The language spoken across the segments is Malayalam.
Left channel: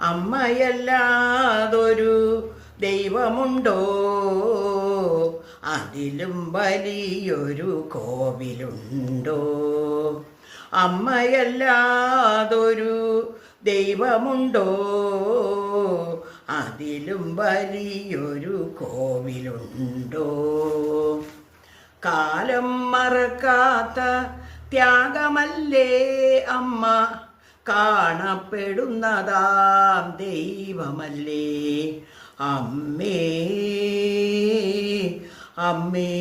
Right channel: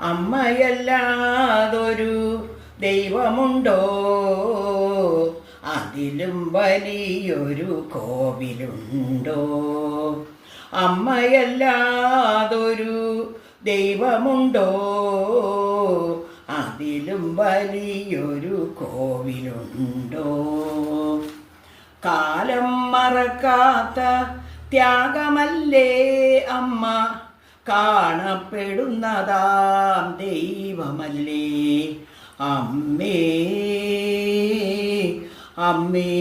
അമ്മയല്ലാതൊരു ദൈവമുണ്ടോ? അതിലും വലിയൊരു കോവിലുണ്ടോ? അമ്മയല്ലാതൊരു ദൈവമുണ്ടോ? അതിലും വലിയൊരു കോവിലുണ്ടോ? കാലം മറക്കാത്ത ത്യാഗമല്ലേ അമ്മ, കാണപ്പെടുന്നതാം ദൈവമല്ലേ അമ്മേ, അമ്മേ.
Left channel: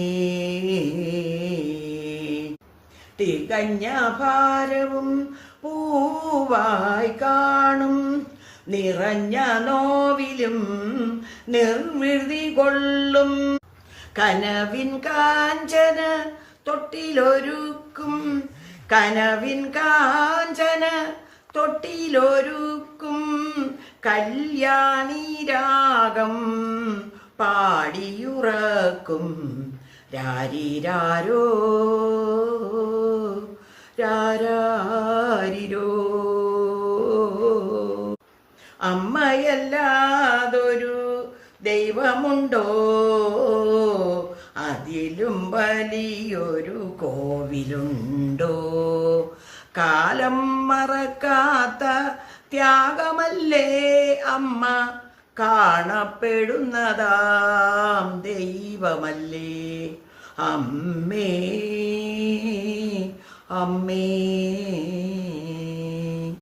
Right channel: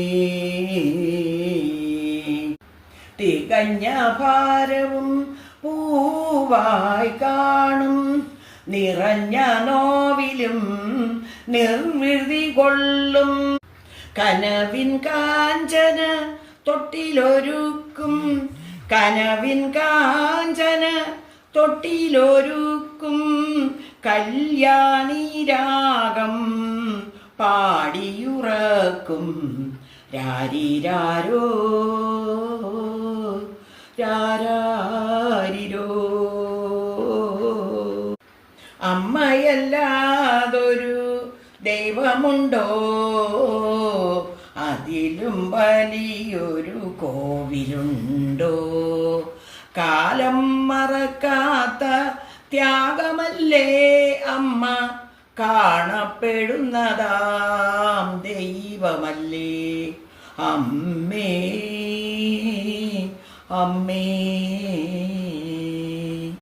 തികഞ്ഞ ഭാരവും പൂവായി കാണും, നിറഞ്ഞ നോവിലും നിർവൃതി കൊള്ളും. കനവിൻ കാഞ്ചന തൊട്ടിലൊരുക്കും, കനവിൻ കാഞ്ചന തൊട്ടിലൊരുക്കും. കല്യാണി രാഗം പാടിയുറക്കും. രാരിരാരോ രാരാരിരോ. അമ്മയല്ലാതൊരു ദൈവമുണ്ടോ? അതിലും വലിയൊരു കോവിലുണ്ടോ? കാലം മറക്കാത്ത ത്യാഗമല്ലേ അമ്മ, കാണപ്പെടുന്നതാം ദൈവമല്ലേ അമ്മേ, അമ്മേ.